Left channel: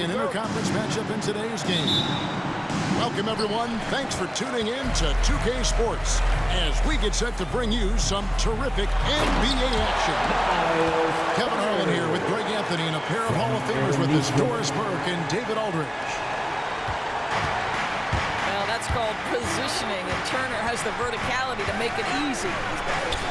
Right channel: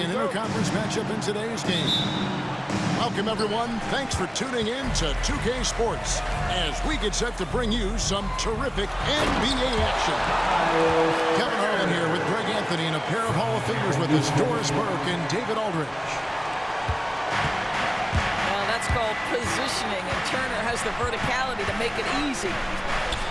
featuring an interconference matchup in today's game. Welcome, everyone. Thanks for tuning in to 2K Sports as we get set to bring you some terrific NBA action. Kevin Harlan here with Greg Anthony and a pair of Hall of Famers with us, Doris Burke and David Aldridge. Well, that's called positioning, and Turner has the verticality to make it easy.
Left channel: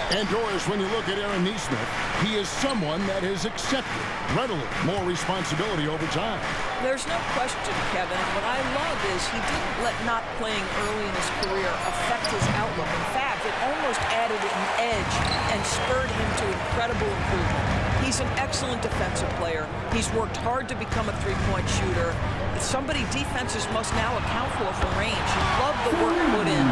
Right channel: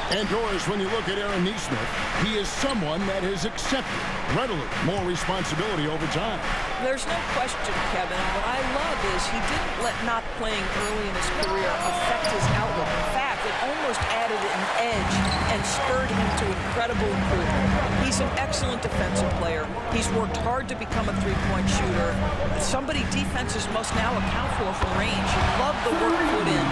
And Doris, when you look at Aaron Nesmith, he is someone that has accepted readily more responsibility over time. There's no question, Kevin, and what I love is he didn't let not playing early in his career affect his outlook. In fact, it almost added an edge and spurred him to incredible improvement. He's an excellent defensive player. He's worked hard to become a three-point shooter. Somebody defenses must now account for from range. Love the work put in.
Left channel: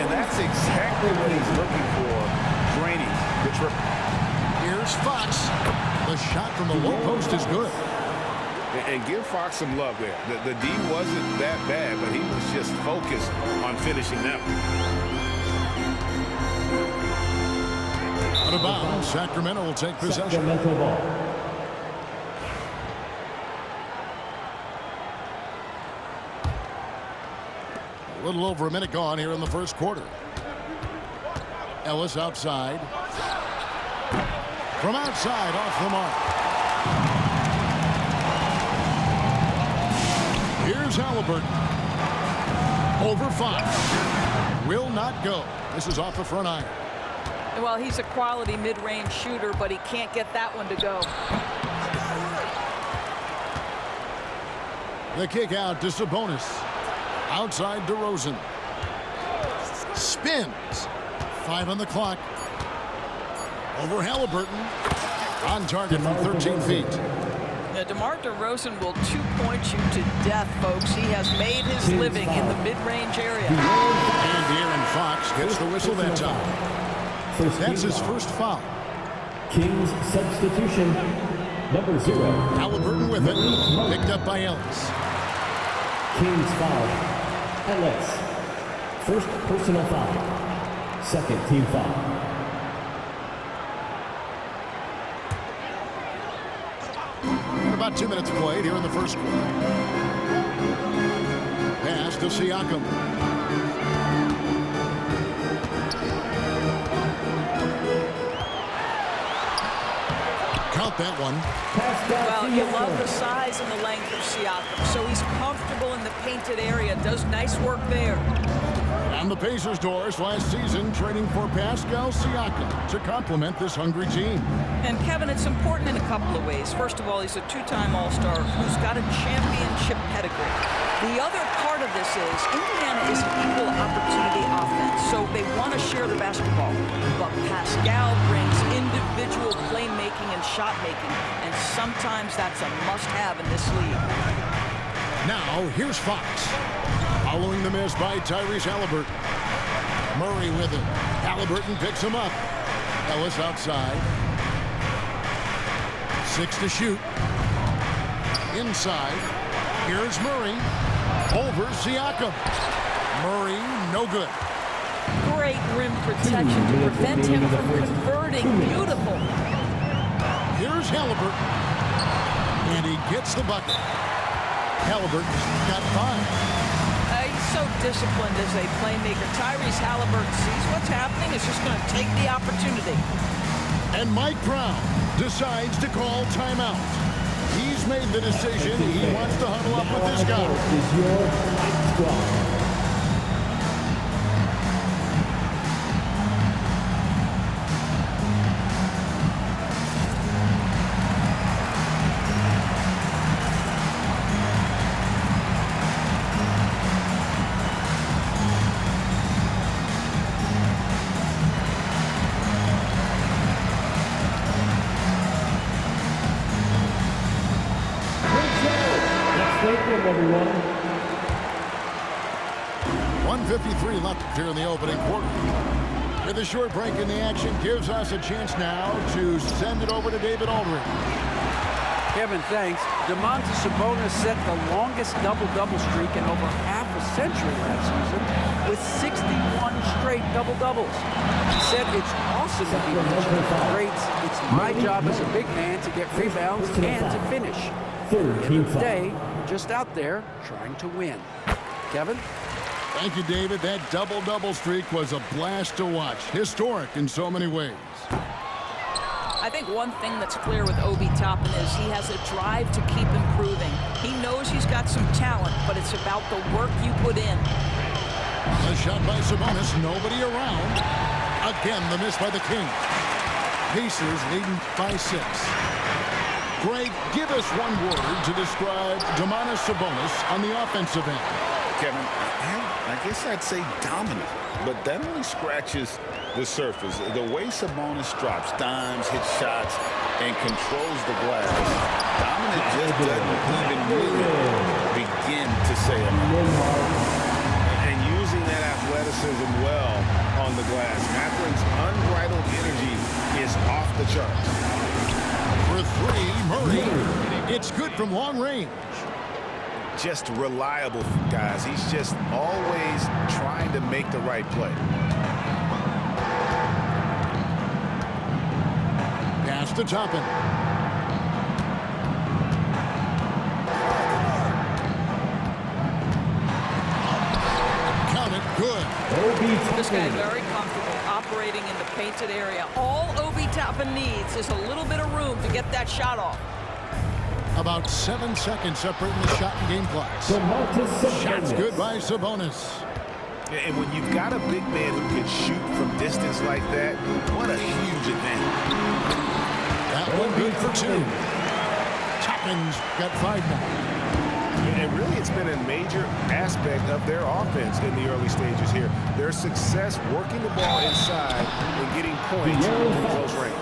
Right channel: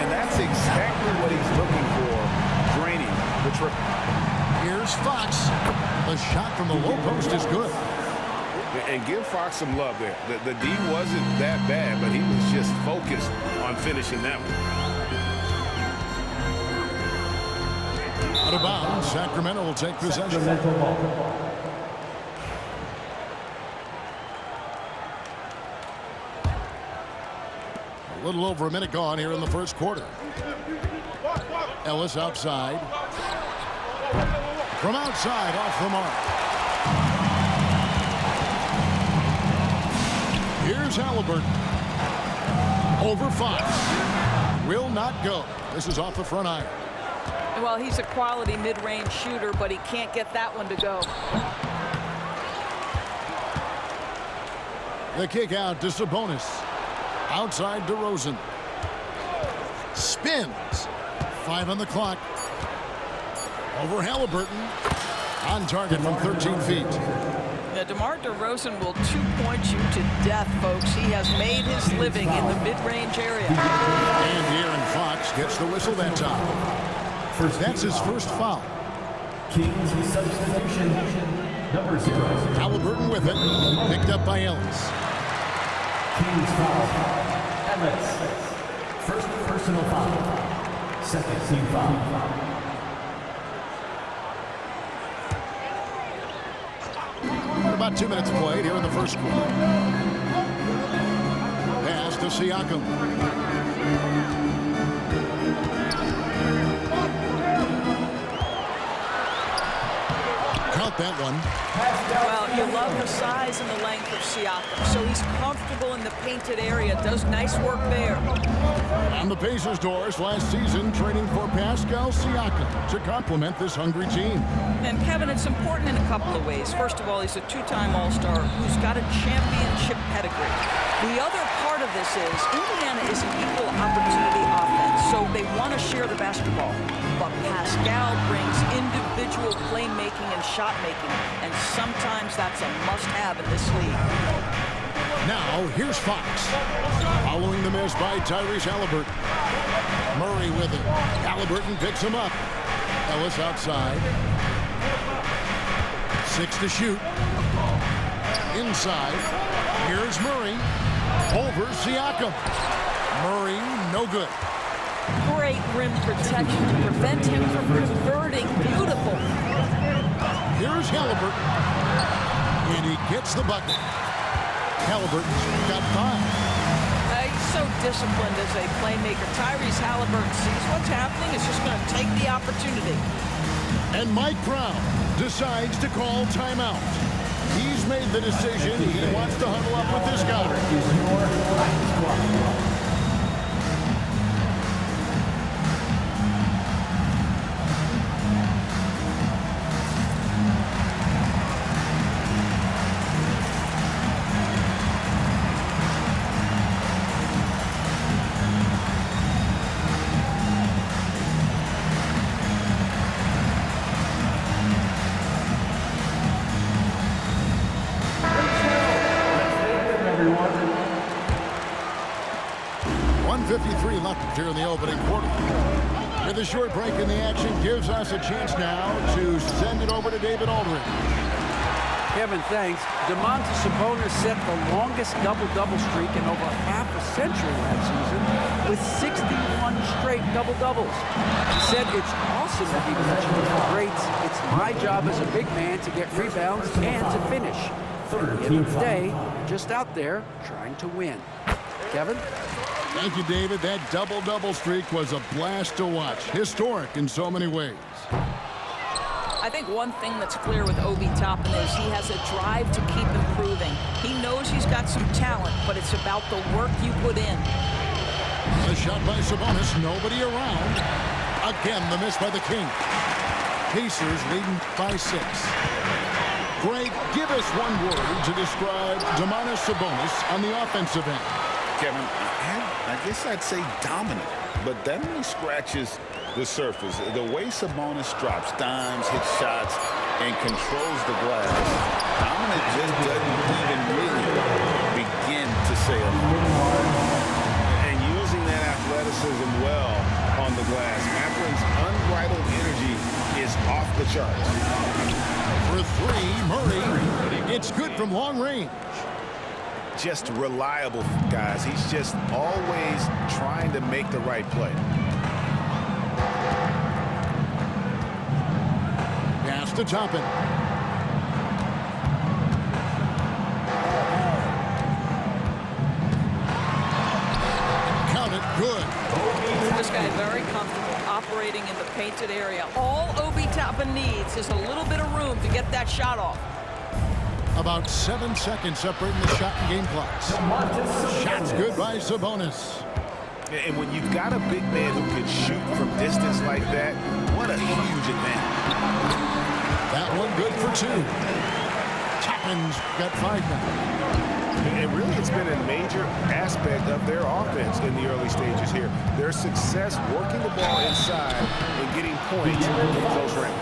And that's exactly what he's looking for, draining the triple. Here's Fox. The shot from the low post is good. And give Fox some love there. The D wasn't that bad, but he was just focused on finishing that one. Out of bounds, Sacramento will take possession. A little over a minute gone here in the first quarter. Ellis outside. From outside, off the mark. Here's Haliburton. Over Fox. Will not go. This is off the front iron. Well, he's a quality mid-range shooter, but he can't get that one to go. The kick out to Sabonis. Outside DeRozan. Spins. 5 on the clock. Over Haliburton. On target from 13 feet. Now, DeMar DeRozan will two-point you to death, folks. He has made his living in the mid-range area. And Dearron Fox gets the whistle that time. That's his first foul. Kings substitution, number 0. Haliburton with it. Picked up by Ellis. Kings foul. Ellis. First personal foul. Second team foul. About 2 minutes played here in the first quarter. Pass to Siakam. Count that one. Well, you love the size and the length of Siakam, so he's comfortable in the painted area, does nice work there. And the Pacers, Doris, last season trading for Pascal Siakam to complement this hungry team. And Kevin, it's important in a couple of ways. First of all, he's a two-time All-Star who's got a championship pedigree. The other part of this is Indiana is an equal opportunity offense, so they want to share the basketball. But Pascal brings individual playmaking and shot making, and sometimes that's a must-have in this league. Now, here's Fox. Following the miss by Tyrese Haliburton. Murray with it. Haliburton picks him up. Ellis outside. 6 to shoot. Inside. Here's Murray. Over Siakam. Murray, no good. Great rim protection to prevent him from converting. Beautiful. Here's Haliburton. And he gets the bucket. Haliburton's got 5. He's so disciplined as a playmaker. Tyrese Haliburton sees what's happening. Is just going to take the opportunity. And Mike Brown decides to call timeout. He's made the decision. He wants to huddle up with this guy. Is your squad. Everyone. 1:53 left here in the opening quarter. With a short break in the action, gives us a chance now to send it over to David Aldridge. Kevin, thanks. Domantas Sabonis set the longest double-double streak in over half a century last season with 61 straight double-doubles. He said it's awesome to be mentioned with the greats. It's my job as a big man to get rebounds and to finish. Third At the end team of the foul. day, you're just out there trying to win. Kevin? Thank you, David. That double-double streak was a blast to watch. Historic in so many ways. I think one thing that's clear with Obi Toppin is he has a drive to keep improving. He knows he's got some talent, but it's about the work you put in. A shot by Sabonis, nobody around. Again, the miss by the Kings. Pacers leading by 6. Greg, give us one word to describe Domantas Sabonis on the offensive end. Kevin, I guess I'd say dominant, but that only scratches the surface. The way Sabonis drops dimes, hits shots, and controls the glass, dominant just doesn't even really begin to say enough. And using that athleticism well on the glass, Matherin's unbridled energy is off the charts. For 3, Murray. It's good from long range. Just reliable, guys. He's just always trying to make the right play. Pass to Toppin. Count it, good. This guy very comfortable operating in the painted area. All Obi Toppin needs is a little bit of room to get that shot off. About 7 seconds separating the shot and game clocks. Shots good by Sabonis. And when you've got a big man who can shoot from distance like that, what a huge advantage. That one good for 2. Toppin's got 5 now. And really, it's been a major aspect of their offense in the early stages here. Their success working the ball inside and getting points from close range.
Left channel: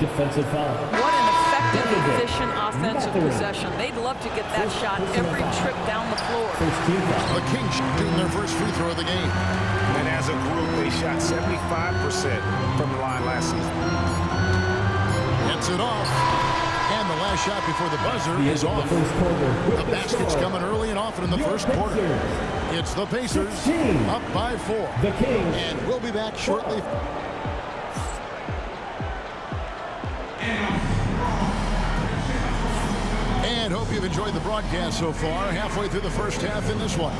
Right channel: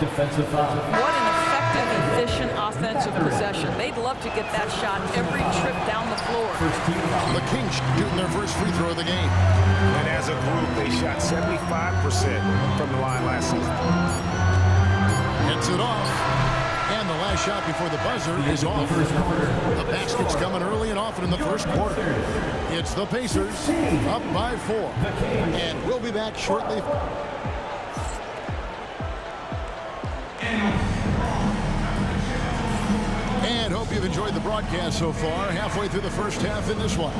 Defensive foul. What an effective, efficient offensive possession. They'd love to get that shot every trip down the floor. First team foul. The Kings shooting their first free throw of the game. And as a group, they shot 75% from the line last season. Gets it off. And the last shot before the buzzer is off. First quarter. The basket's coming early and often in the first quarter. It's the Pacers up by 4. The Kings. And we'll be back shortly. And hope you've enjoyed the broadcast so far. Halfway through the first half in this one.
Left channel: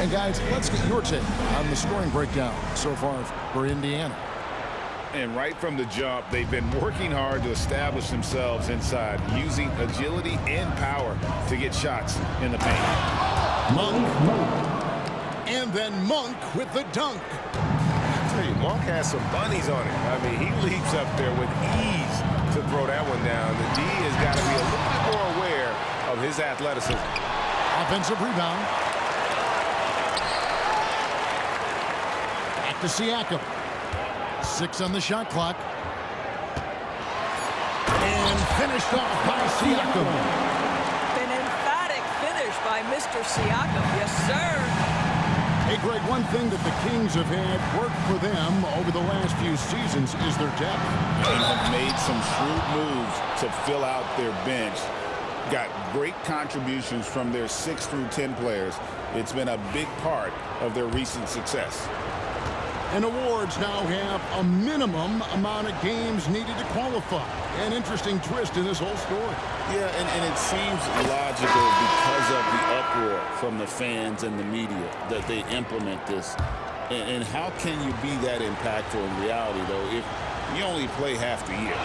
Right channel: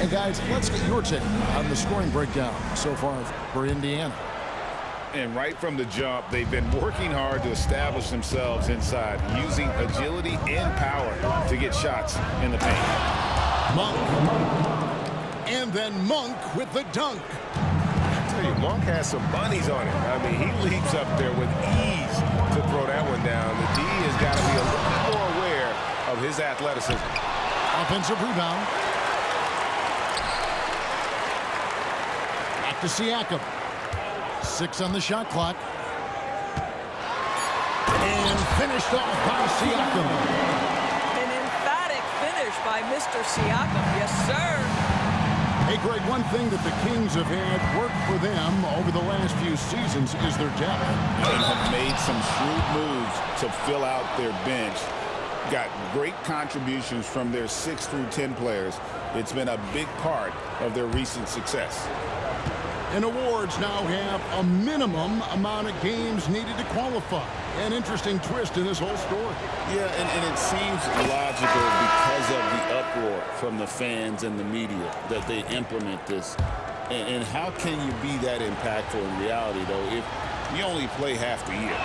And guys, let's get your take on the scoring breakdown so far for Indiana. And right from the jump, they've been working hard to establish themselves inside, using agility and power to get shots in the paint. Monk. And then Monk with the dunk. I tell you, Monk has some bunnies on him. I mean, he leaps up there with ease to throw that one down. The D has got to be a little bit more aware of his athleticism. Offensive rebound. Back to Siakam. 6 on the shot clock. And finished off by Siakam. An emphatic finish by Mr. Siakam. Yes, sir. Hey, Greg, one thing that the Kings have had work for them over the last few seasons is their depth. And have made some shrewd moves to fill out their bench. Got great contributions from their 6 through 10 players. It's been a big part of their recent success. And awards now have a minimum amount of games needed to qualify. An interesting twist in this whole story. Yeah, and it seems logical because of the uproar from the fans and the media that they implement this. And how can you be that impactful in reality, though, if you only play half the year?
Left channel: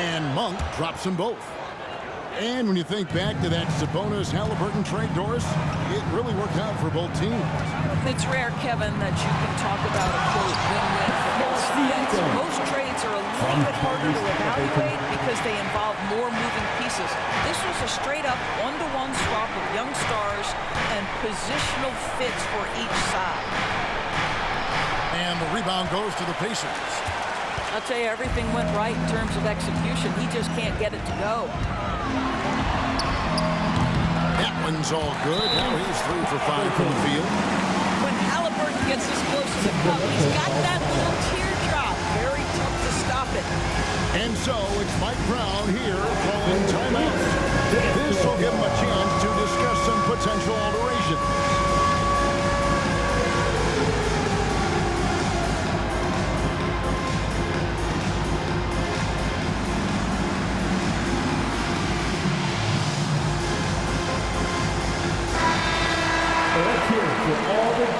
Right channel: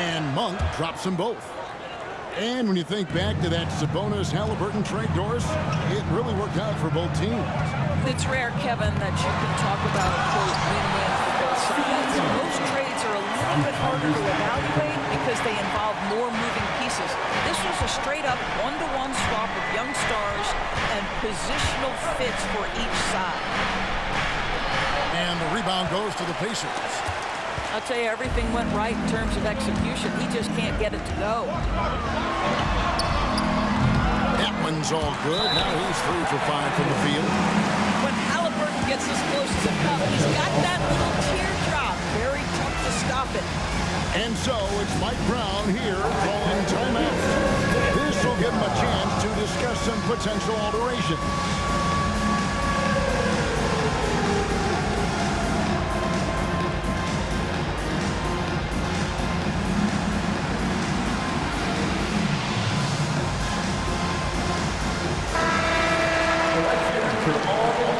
And Monk drops them both. And when you think back to that Sabonis Haliburton trade, Doris, it really worked out for both teams. It's rare, Kevin, that you can talk about a, quote, win-win for both sides. Most trades are a little bit harder to evaluate because they involve more moving pieces. This was a straight-up one-to-one swap of young stars and positional fits for each side. And the rebound goes to the Pacers. I'll tell you, everything went right in terms of execution. He just can't get it to go. That one's all good. Now he's 3 for 5 from the field. When Haliburton gets this close to the cup, he's got that little teardrop. Very tough to stop it. And so it's Mike Brown here calling timeout. This will give him a chance to discuss some potential alterations.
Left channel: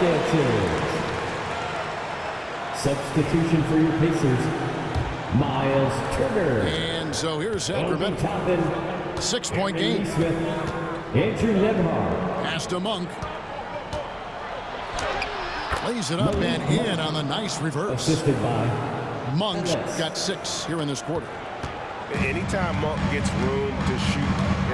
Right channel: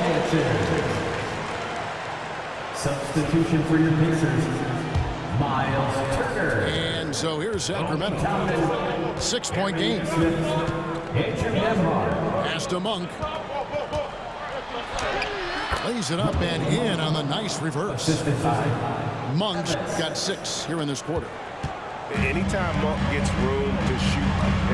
circumstances. Substitution for your Pacers, Miles Turner. And so here's Sacramento. 6-point game. Smith, Andrew Nembhard. Pass to Monk. Lays it up and in on the nice reverse. Assisted by Monk's got 6 here in this quarter. Anytime Monk gets room to shoot,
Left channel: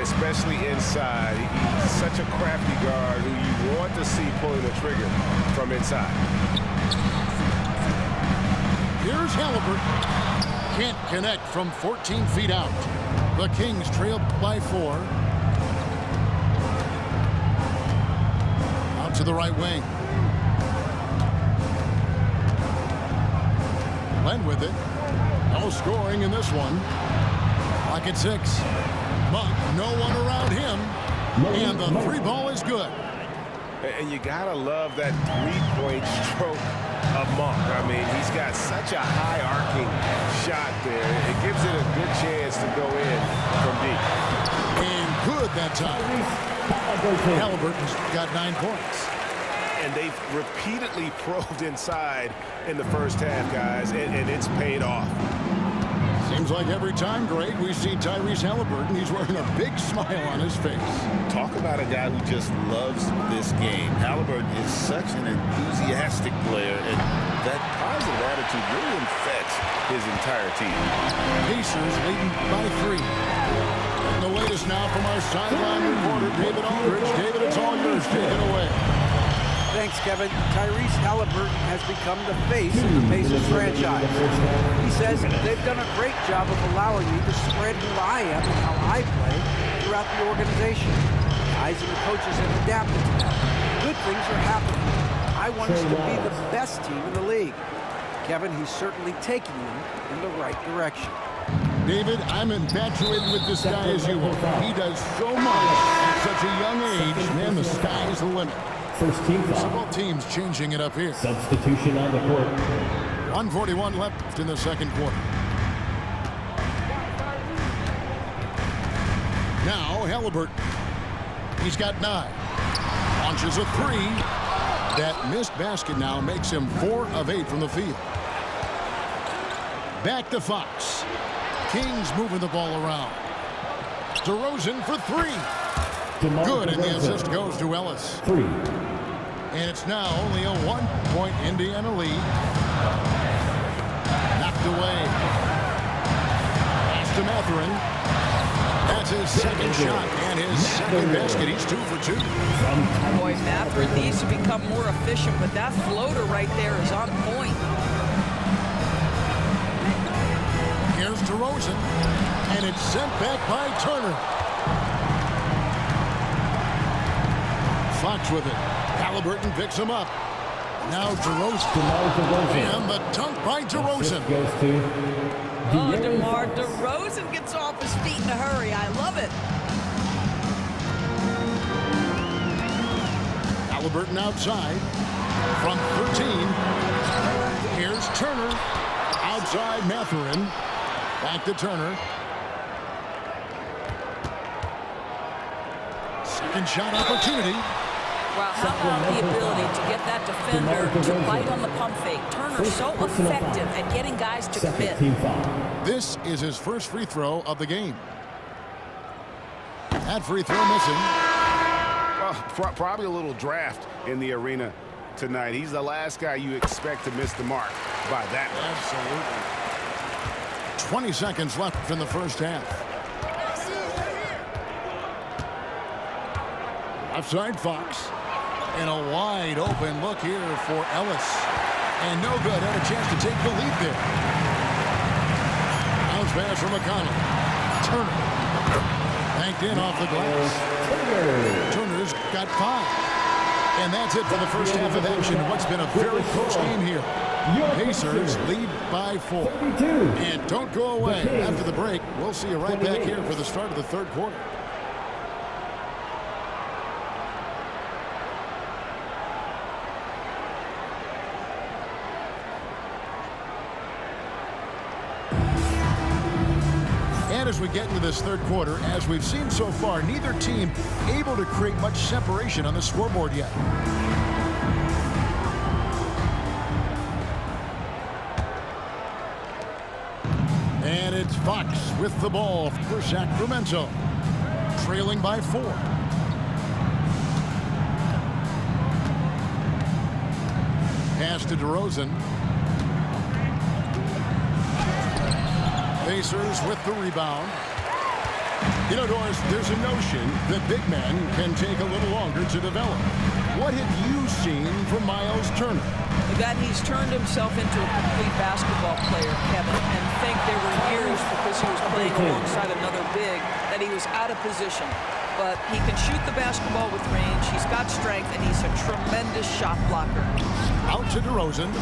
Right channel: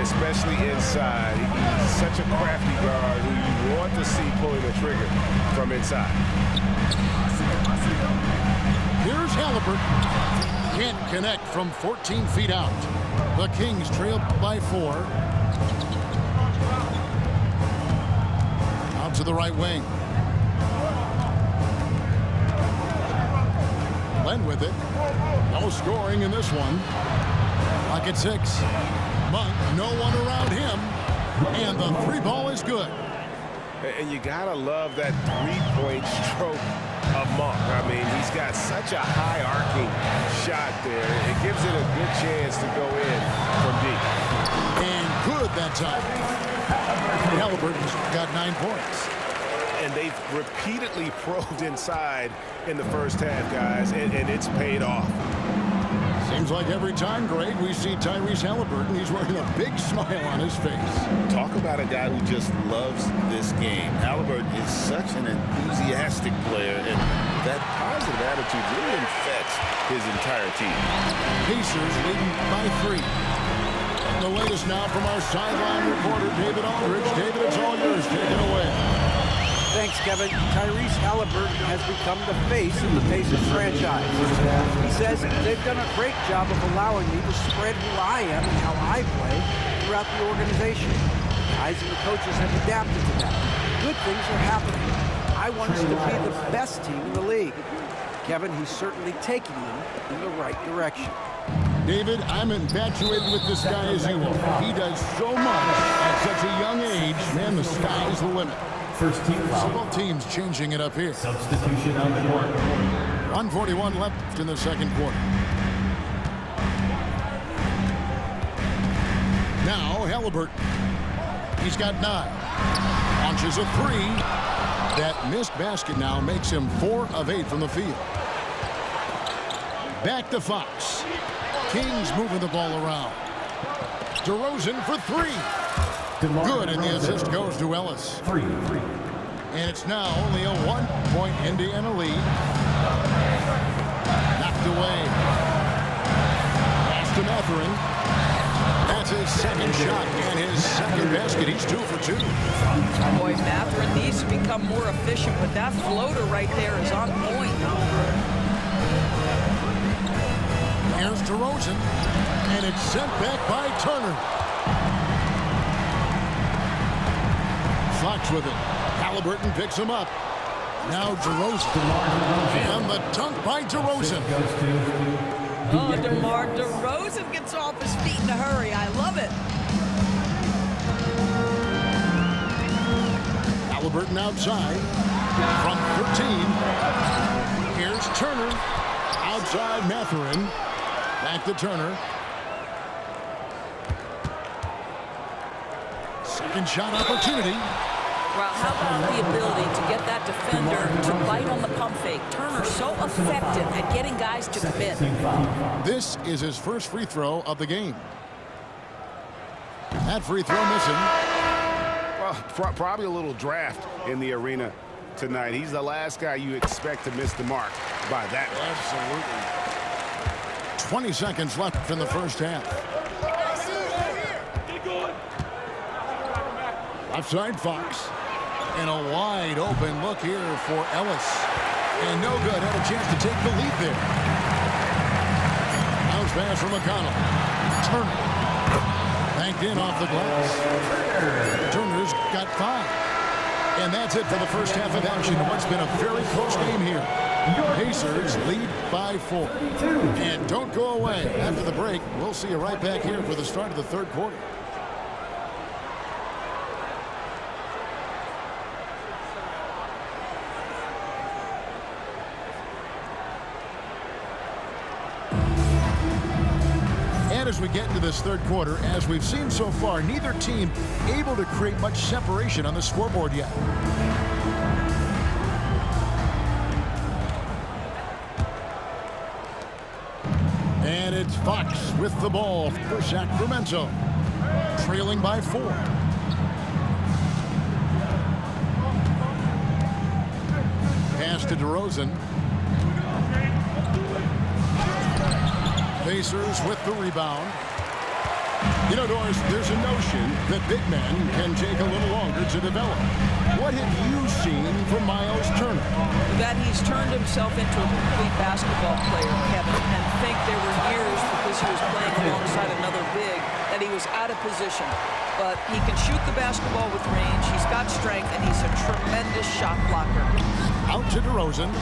especially inside, he's such a crafty guard who you want to see pulling the trigger from inside. Here's Haliburton. Can't connect from 14 feet out. The Kings trail by 4. Out to the right wing. Len with it. No scoring in this one. Clock at 6. Monk, no one around him. And the 3 ball is good. And you gotta love that 3-point stroke of Monk. I mean, he's got such a high arcing shot there. It gives it a good chance to go in from deep. And good that time. Haliburton's got 9 points. And they've repeatedly probed inside in the first half, guys, and it's paid off. Seems like every time, Greg, we see Tyrese Haliburton, he's wearing a big smile on his face. Talk about a guy who just loves this game. Haliburton is such an enthusiastic player, and that positive attitude really infects his entire team. Pacers leading by 3. And the latest now from our sideline reporter, David Aldridge. David, it's all yours. Take it away. Thanks, Kevin. Tyrese Haliburton has become the face of the Pacers franchise. He says they've done a great job of allowing me to spread who I am and how I play throughout the organization. The guys and the coaches have adapted to that. Good things are happening. I want us to be the best team in the league. Kevin, he's certainly taking them in the right direction. David, I'm infatuated with this guy as you are. He does so much at such a young age. Man, the sky's the limit. First team foul. So both teams changing it up here. Substitution on the court. 1:41 left in the second quarter. Now Haliburton. He's got 9. Launches a 3. That missed basket now makes him 4 of 8 from the field. Back to Fox. Kings moving the ball around. DeRozan for 3. Good, and the assist goes to Ellis. 3. And it's now only a 1-point Indiana lead. Knocked away. Pass to Mathurin. That's his second shot and his second basket. He's 2 for 2. Boy, Mathurin needs to become more efficient, but that floater right there is on point. Here's DeRozan, and it's sent back by Turner. Fox with it. Haliburton picks him up. Now DeRozan. And the dunk by DeRozan. Goes to Oh, DeMar DeRozan gets off his feet in a hurry. I love it. Haliburton outside from 13. Here's Turner. Outside Mathurin. Back to Turner. Second shot opportunity. Well, how about the ability to get that defender to bite on the pump fake? Turner's so effective at getting guys to commit. team foul. This is his first free throw of the game. That free throw missing. Well, probably a little draft in the arena tonight. He's the last guy you expect to miss the mark by that much. Absolutely. 20 seconds left in the first half. Left side Fox. And a wide open look here for Ellis. And no good. Had a chance to take the lead there. Bounce pass from McConnell. Turner. Banked in off the glass. Turner's got 5. And that's it for the first half of action. What's been a very close game here. Pacers lead by 4. And don't go away. After the break, we'll see you right back here for the start of the third quarter. And as we get into this third quarter, as we've seen so far, neither team able to create much separation on the scoreboard yet. And it's Fox with the ball for Sacramento, trailing by 4. Pass to DeRozan. Pacers with the rebound. You know, Doris, there's a notion that big men can take a little longer to develop. What have you seen from Miles Turner? That he's turned himself into a complete basketball player, Kevin, and think there were years because he was playing alongside another big that he was out of position. But he can shoot the basketball with range, he's got strength, and he's a tremendous shot blocker. Out to DeRozan.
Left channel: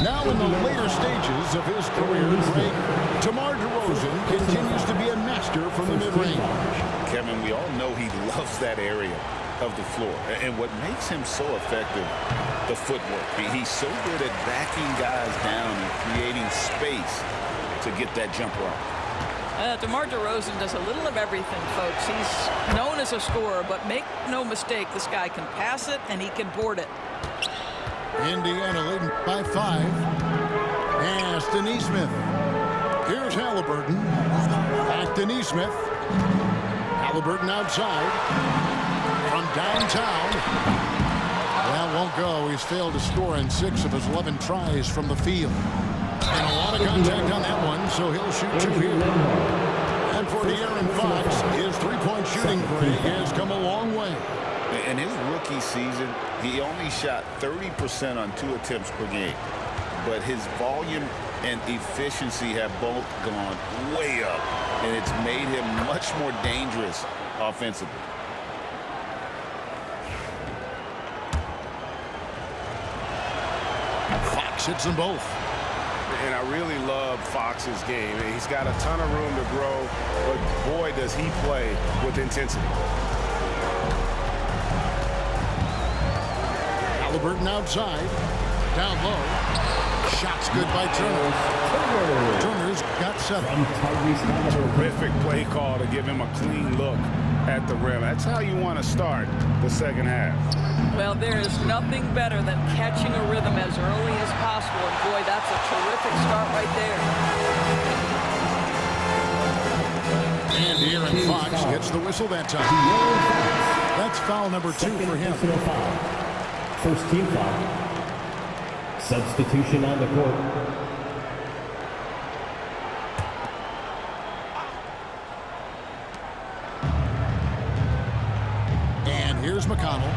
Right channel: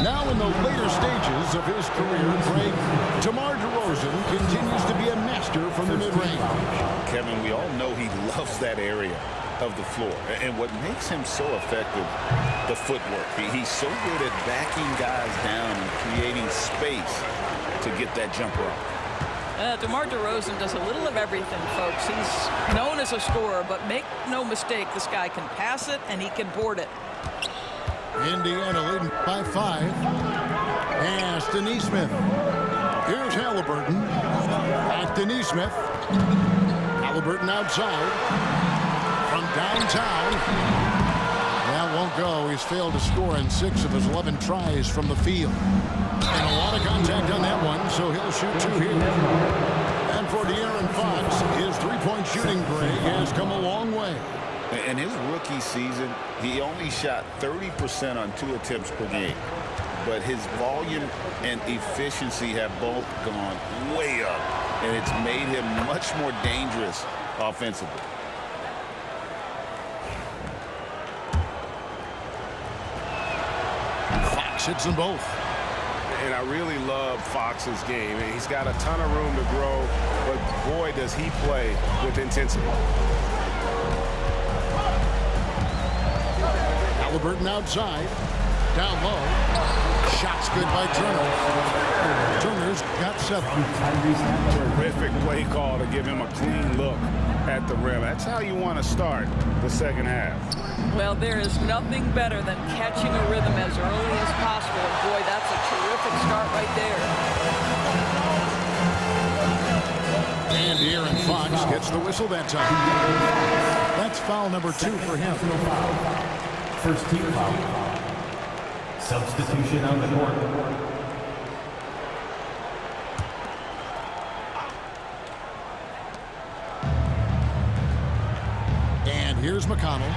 Now in the later stages of his career, Greg, DeMar DeRozan continues to be a master from the mid-range. Kevin, we all know he loves that area of the floor. And what makes him so effective, the footwork. He's so good at backing guys down and creating space to get that jumper off. DeMar DeRozan does a little of everything, folks. He's known as a scorer, but make no mistake, this guy can pass it and he can board it. Indiana leading by 5. Pass Nesmith. Here's Haliburton. Back to Nesmith. Haliburton outside. From downtown. Well, won't go. He's failed to score in 6 of his 11 tries from the field. And a lot of contact on that one, so he'll shoot 2 here. And for Dearron Fox, his three-point shooting, Greg, has come a long way. In his rookie season, he only shot 30% on 2 attempts per game. But his volume and efficiency have both gone way up, and it's made him much more dangerous offensively. Fox hits them both. And I really love Fox's game. He's got a ton of room to grow, but boy, does he play with intensity. Haliburton outside. Down low. Shots good by Turner. Turner's got 7. Terrific play call to give him a clean look at the rim. That's how you want to start the second half. Well, there is nothing better than catching a rhythm as early as possible. And boy, that's a terrific start right there. And Dearron Fox gets the whistle that time. That's foul number 2 for him. First team foul. Substitution on the court. And here's McConnell.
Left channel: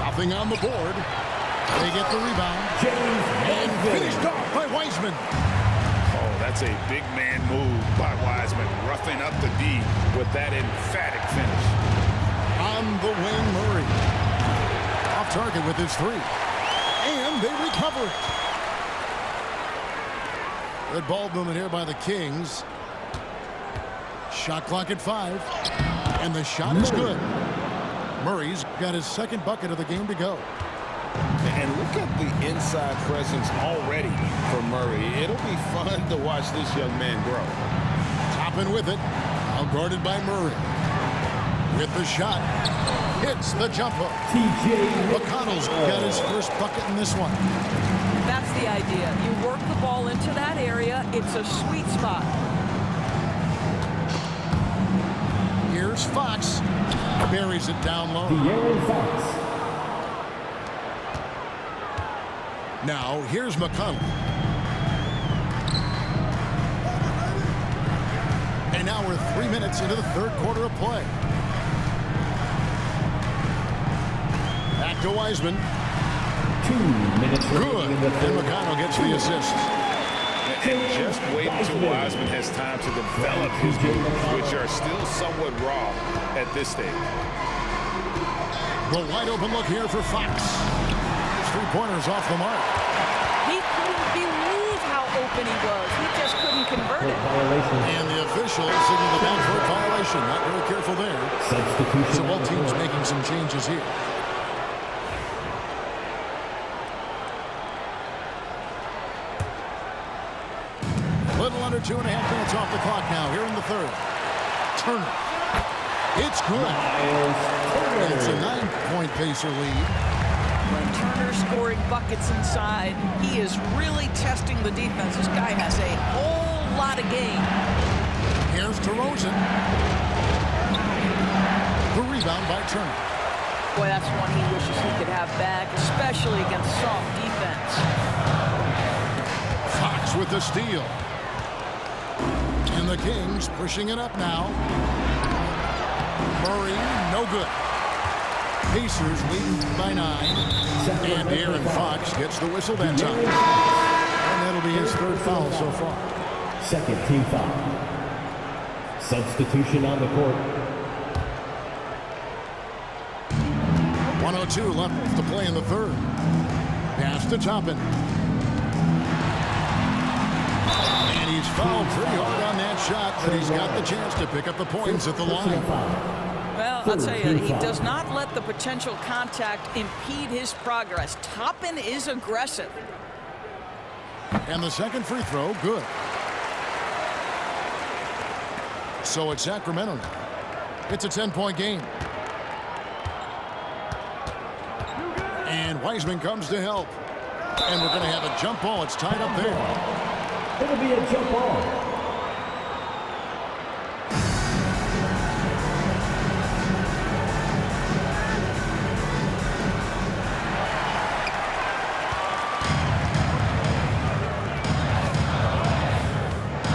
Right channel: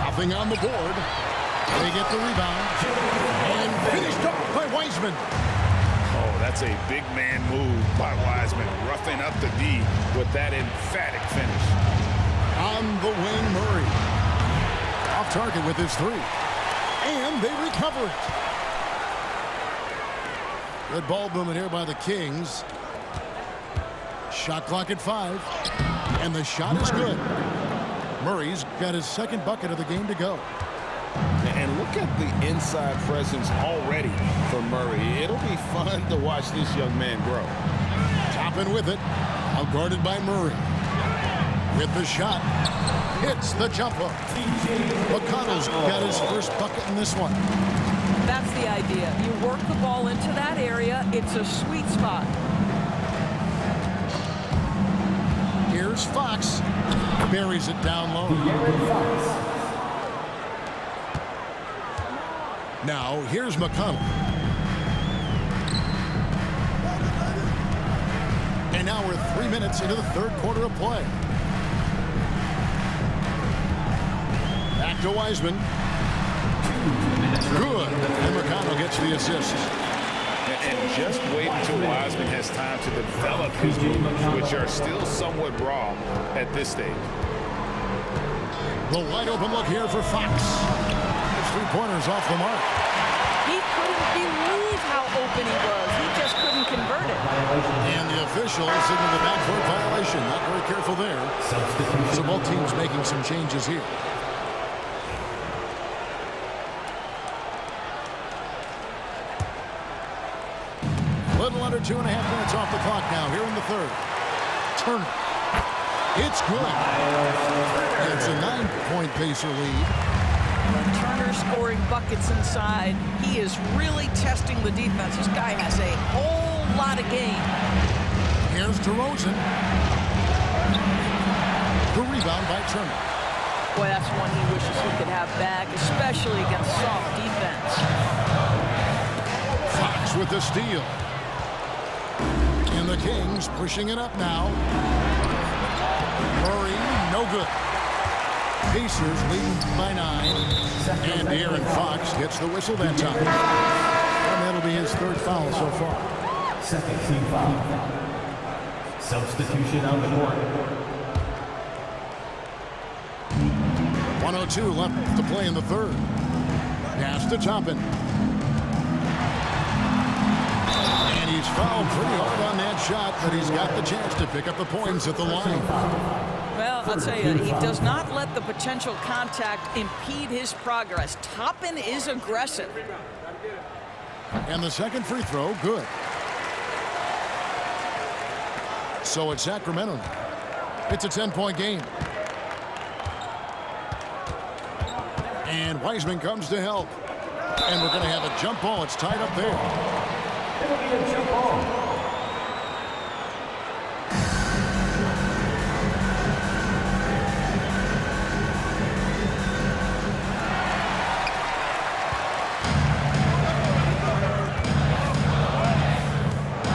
Nothing on the board. They get the rebound. And finished off by Wiseman. Oh, that's a big man move by Wiseman, roughing up the D with that emphatic finish. On the wing, Murray. Off target with his 3. And they recover it. Good ball movement here by the Kings. Shot clock at 5. And the shot is good. Murray's got his second bucket of the game to go. And look at the inside presence already for Murray. It'll be fun to watch this young man grow. Topping with it. Out guarded by Murray. With the shot. Hits the jumper. McConnell's got his first bucket in this one. That's the idea. You work the ball into that area. It's a sweet spot. Here's Fox. Buries it down low. Now, here's McConnell. And now we're 3 minutes into the third quarter of play. Back to Wiseman. 2 minutes. Good. And McConnell gets the assist. And just wait until Wiseman has time to develop his moves, which are still somewhat raw at this stage. The wide open look here for Fox. His 3-pointers off the mark. He couldn't believe how open he was. He just couldn't convert it. And the official signaled the backcourt violation. Not very careful there. Substitution. So both teams making some changes here. Little under 2.5 minutes off the clock now here in the third. Turner. It's good. And it's a 9-point Pacer lead. When Turner's scoring buckets inside, he is really testing the defense. This guy has a whole lot of game. Here's DeRozan. The rebound by Turner. Boy, that's one he wishes he could have back, especially against soft defense. Fox with the steal. And the Kings pushing it up now. Murray, no good. Pacers leading by 9. And Dearron Fox gets the whistle that time. And that'll be his third foul so far. Second team foul. Substitution on the court. 1:02 left to play in the third. Pass to Toppin. And he's fouled pretty hard on that shot, but he's got the chance to pick up the points at the line. Well, I'll tell you, he does not let the potential contact impede his progress. Toppin is aggressive. And the second free throw, good. So it's Sacramento now. It's a 10-point game. And Wiseman comes to help. And we're going to have a jump ball. It's tied up there. It'll be a jump ball.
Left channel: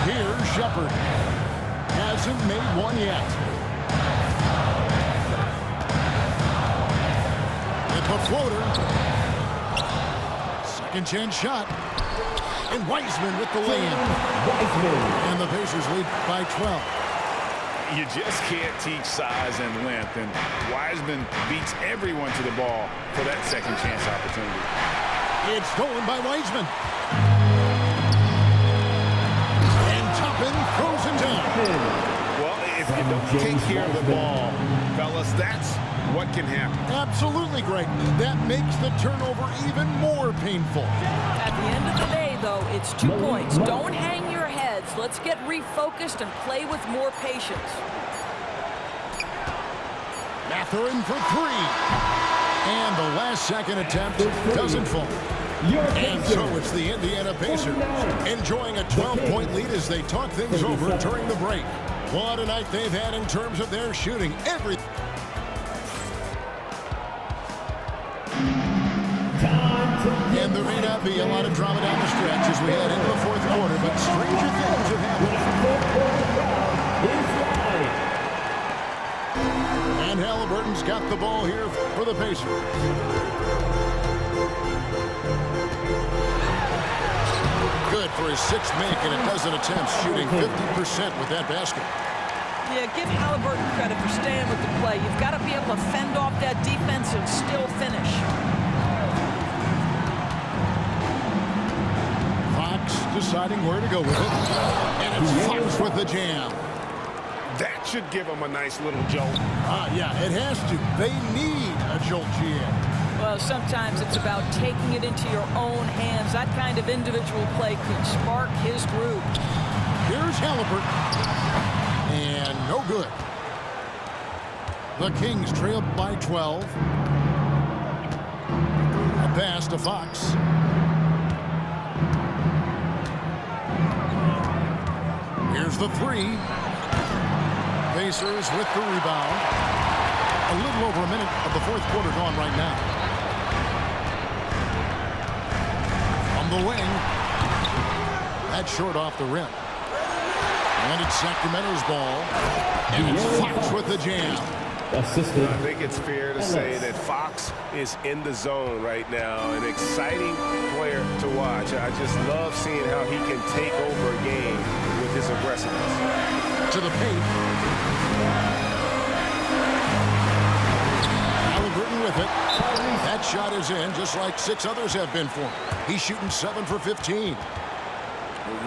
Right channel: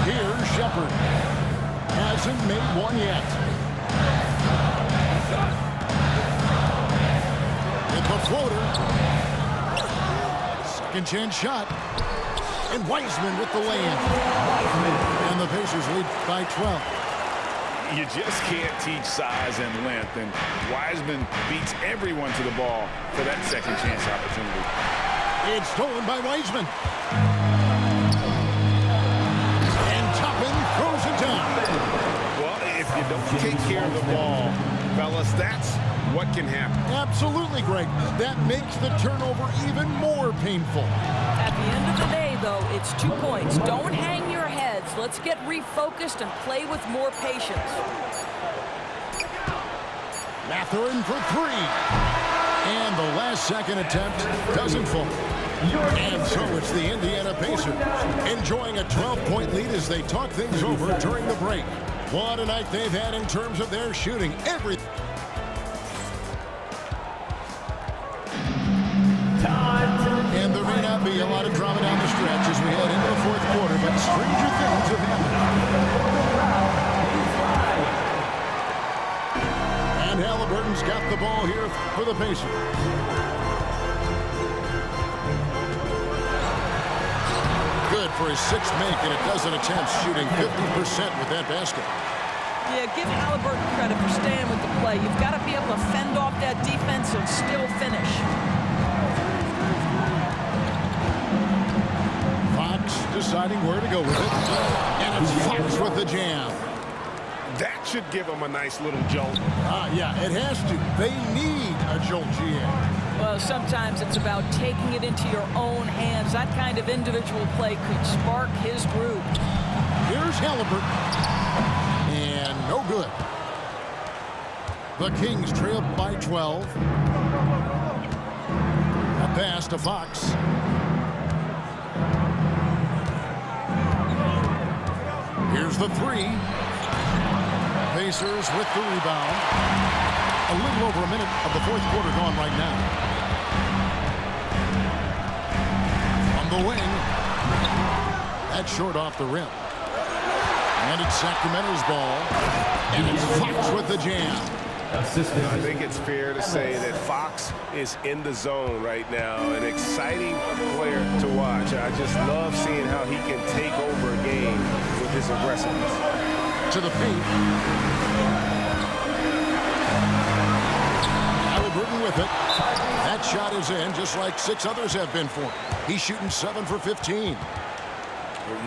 Here's Shepherd. Hasn't made one yet. With the floater. Second chance shot. And Wiseman with the lay-in. And the Pacers lead by 12. You just can't teach size and length, and Wiseman beats everyone to the ball for that second chance opportunity. It's stolen by Wiseman. And Toppin throws it down. Well, if you don't take care of the ball, fellas, that's what can happen. Absolutely, Greg. That makes the turnover even more painful. At the end of the day, though, it's 2 points. Don't hang your heads. Let's get refocused and play with more patience. Mathurin for 3. And the last second attempt doesn't fall. And so it's the Indiana Pacers enjoying a 12-point lead as they talk things over during the break. What a night they've had in terms of their shooting. And there may not be a lot of drama down the stretch as we head into the fourth quarter, but stranger things have happened. And Haliburton's got the ball here for the Pacers. Good for his 6th make and a dozen attempts, shooting 50% with that basket. Yeah, give Haliburton credit for staying with the play. You've got to be able to fend off that defense and still finish. Fox deciding where to go with it. And it's Fox with the jam. That should give him a nice little jolt. Yeah, it has to. They need a jolt, GA. Well, sometimes it's about taking it into your own hands. That kind of individual play could spark his group. Here's Haliburton. And no good. The Kings trail by 12. A pass to Fox. Here's the 3. Pacers with the rebound. A little over a minute of the fourth quarter gone right now. From the wing. That's short off the rim. And it's Sacramento's ball. And it's Fox with the jam. I think it's fair to say that Fox is in the zone right now. An exciting player to watch. I just love seeing how he can take over a game with his aggressiveness. To the paint. Haliburton with it. That shot is in, just like 6 others have been for him. He's shooting 7 for 15.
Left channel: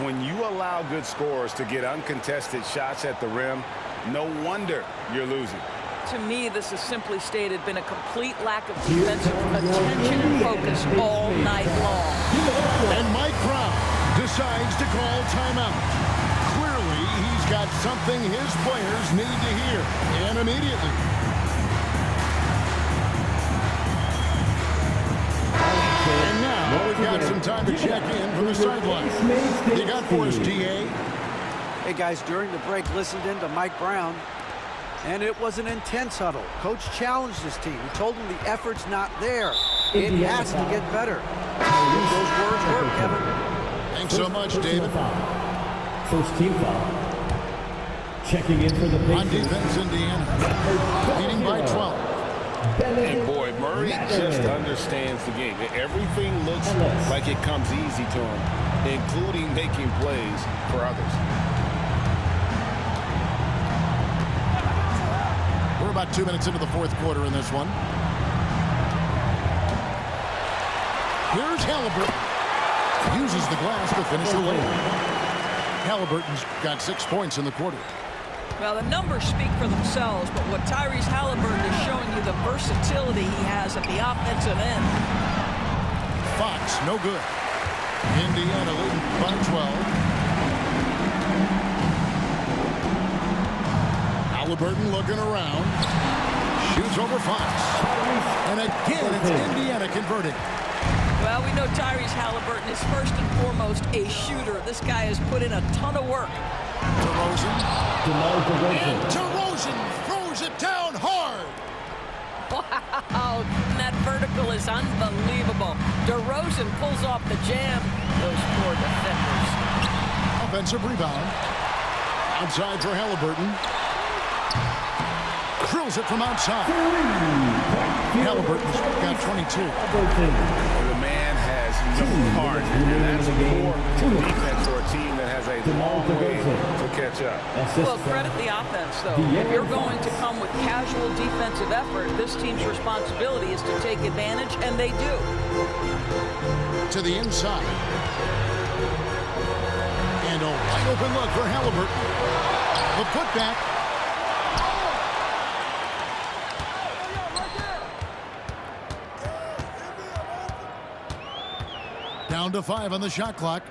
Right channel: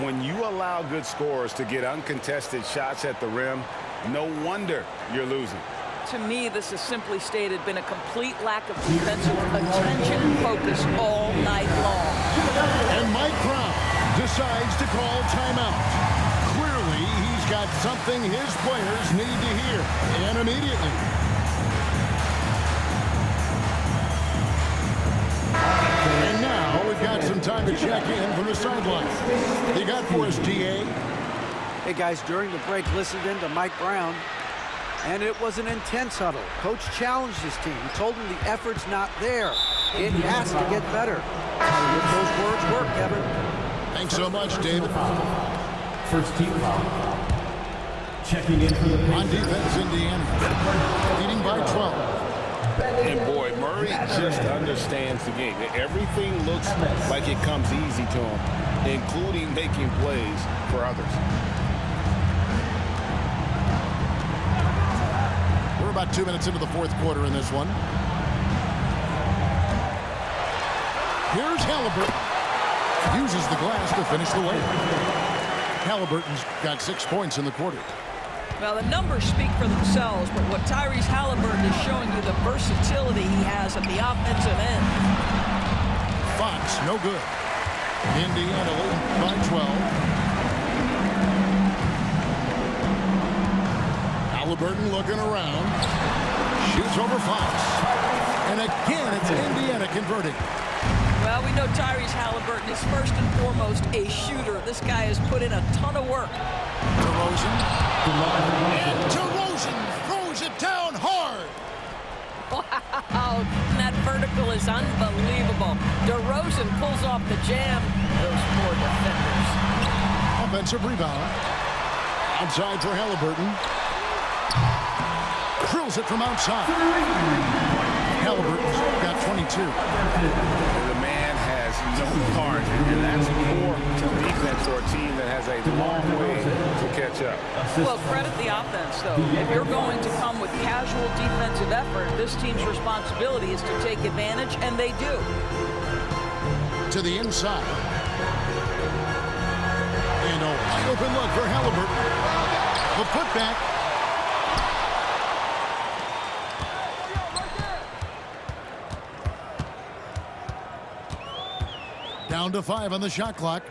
When you allow good scorers to get uncontested shots at the rim, no wonder you're losing. To me, this has simply stated been a complete lack of defensive attention and focus all night long. And Mike Brown decides to call timeout. Clearly, he's got something his players need to hear, and immediately. And now we've got some time to check in from the sideline. You got for us, DA? Hey, guys, during the break, listened in to Mike Brown, and it was an intense huddle. Coach challenged his team. He told them the effort's not there. It has to get better. If those words work, Kevin. Thanks so much, David. First team foul. Checking in for the Pacers. On defense, Indiana leading by 12. And boy, Murray just understands the game. Everything looks like it comes easy to him, including making plays for others. We're about 2 minutes into the fourth quarter in this one. Here's Haliburton. Uses the glass to finish the layup. Haliburton's got 6 points in the quarter. Well, the numbers speak for themselves, but what Tyrese Haliburton is showing you, the versatility he has at the offensive end. Fox, no good. Indiana leading by 12. Haliburton looking around. Shoots over Fox. And again, it's Indiana converting. Well, we know Tyrese Haliburton is first and foremost a shooter. This guy has put in a ton of work. DeRozan. And DeRozan throws it down hard. Wow, and that vertical is unbelievable. DeRozan pulls off the jam. Those poor defenders. Offensive rebound. Outside for Haliburton. Drills it from outside. Haliburton's got 22. The man has no heart, and that's poor defense for a team that has a long way to catch up. Well, credit the offense, though. If you're going to come with casual defensive effort, this team's responsibility is to take advantage, and they do. To the inside. And a wide open look for Haliburton. The putback. Down to 5 on the shot clock.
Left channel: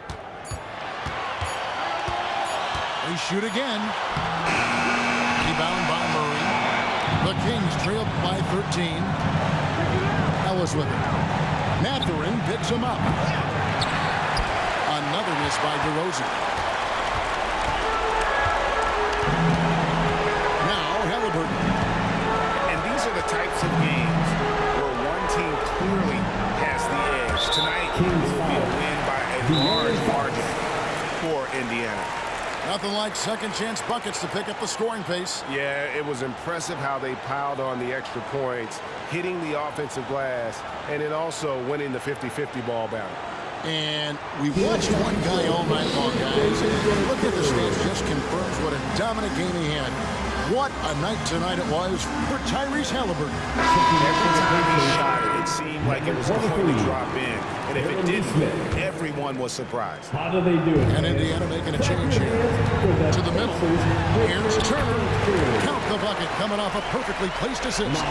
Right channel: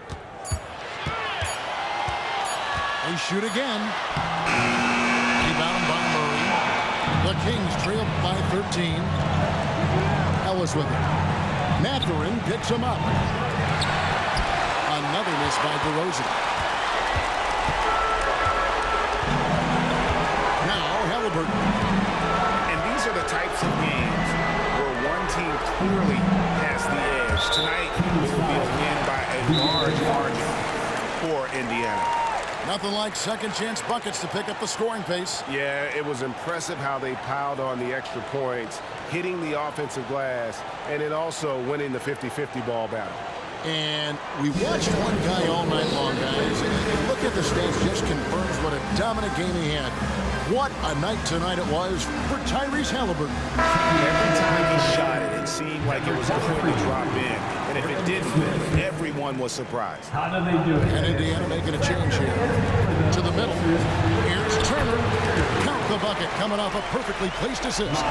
They shoot again. Rebound by Murray. The Kings trail by 13. Ellis with it. Mathurin picks him up. Another miss by DeRozan. Now Haliburton. And these are the types of games where one team clearly has the edge. Tonight, it will be a win by a large margin for Indiana. Nothing like second chance buckets to pick up the scoring pace. Yeah, it was impressive how they piled on the extra points, hitting the offensive glass, and then also winning the 50-50 ball battle. And we watched one guy all night long, guys, and look at the stats, just confirms what a dominant game he had. What a night tonight it was for Tyrese Haliburton. Every time he shot it, it seemed like it was going to drop in. And if it didn't, everyone was surprised. How do they do it? And Indiana making a change here. To the middle. Here's Turner. Count the bucket coming off a perfectly placed assist.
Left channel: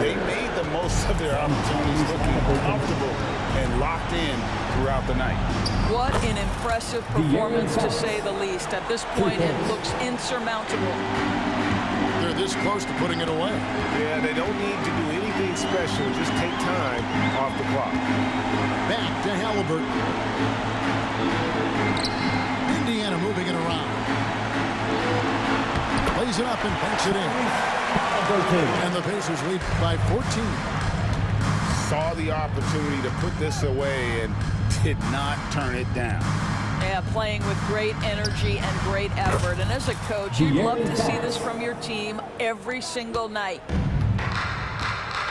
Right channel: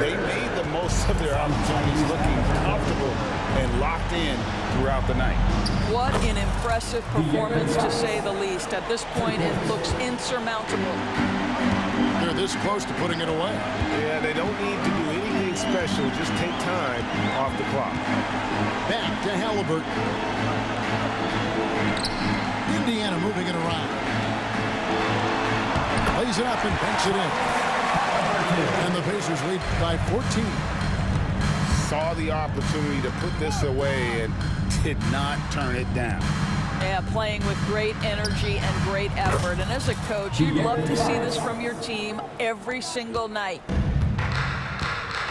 They made the most of their opportunities, looking comfortable and locked in throughout the night. What an impressive performance, to say the least. At this point, it looks insurmountable. They're this close to putting it away. Yeah, they don't need to do anything special. Just take time off the clock. Back to Haliburton. Indiana moving it around. Plays it up and banks it in. And the Pacers lead by 14. Saw the opportunity to put this away and did not turn it down. Yeah, playing with great energy and great effort. And as a coach, you'd love to see this from your team every single night.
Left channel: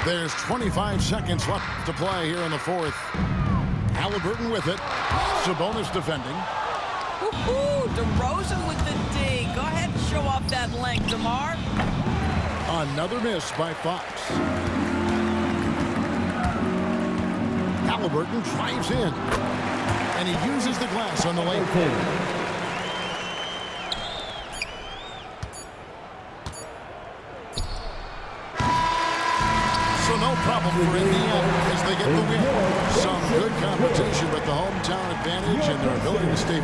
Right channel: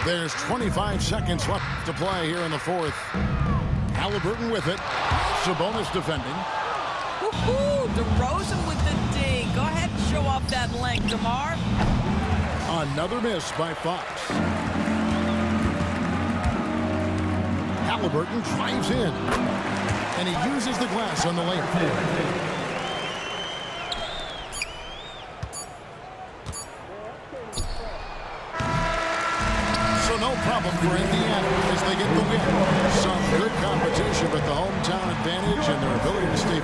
There's 25 seconds left to play here in the fourth. Haliburton with it. Sabonis defending. Woohoo! DeRozan with the D. Go ahead and show off that length, DeMar. Another miss by Fox. Haliburton drives in. And he uses the glass on the layup. So no problem for Indiana as they get the win. Some good competition, but the hometown advantage and their ability to stay